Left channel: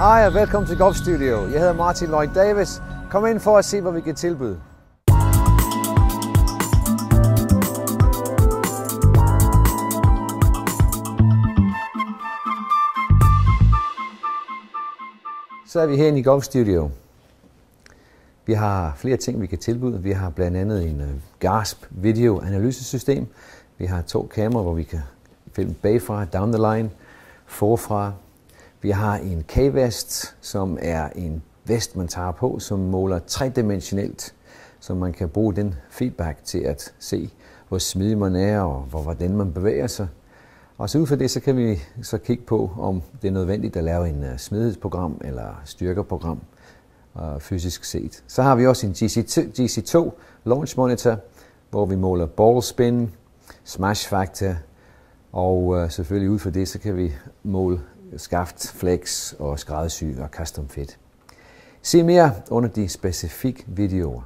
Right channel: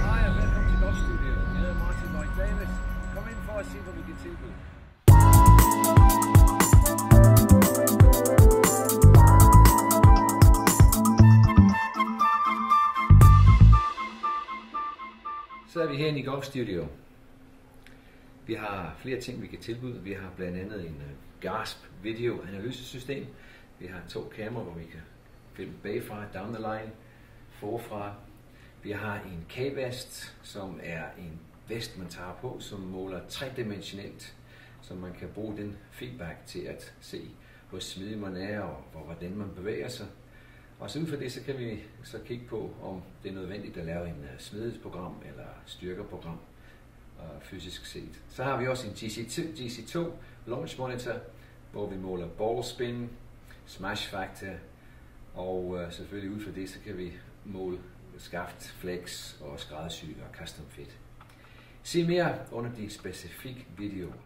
Hej og velkommen til Golf Studio. Jeg hedder Martin Lloyd Davis. Kom ind for at se, hvad vi kan tilbyde. Så er vi herinde i Golf Studio. Vi har flere ting, vi kan tilbyde. Vi har blandt andet en GASP videoanalysesystem. Vi har 2 kameraer, hvor vi kan filme bagfra, down the line, forfra. Vi har en K-vest, som er en vest, man tager på, som måler tredimensionelt, så man kan bruge den feedback til at se, hvor smidig man er og hvordan man bevæger sig. Og så ud fra det, så kan vi så kigge på, om det er nødvendigt at lave en smidighedsprogram eller styrkeprogram fysisk set. Så har vi også en GC2 launch monitor, hvor vi måler ball spin, smash factor, og selvfølgelig ud fra det, så kan vi måle skaft, flex og skræddersy og custom fit. Se mere under de specifikke videoer.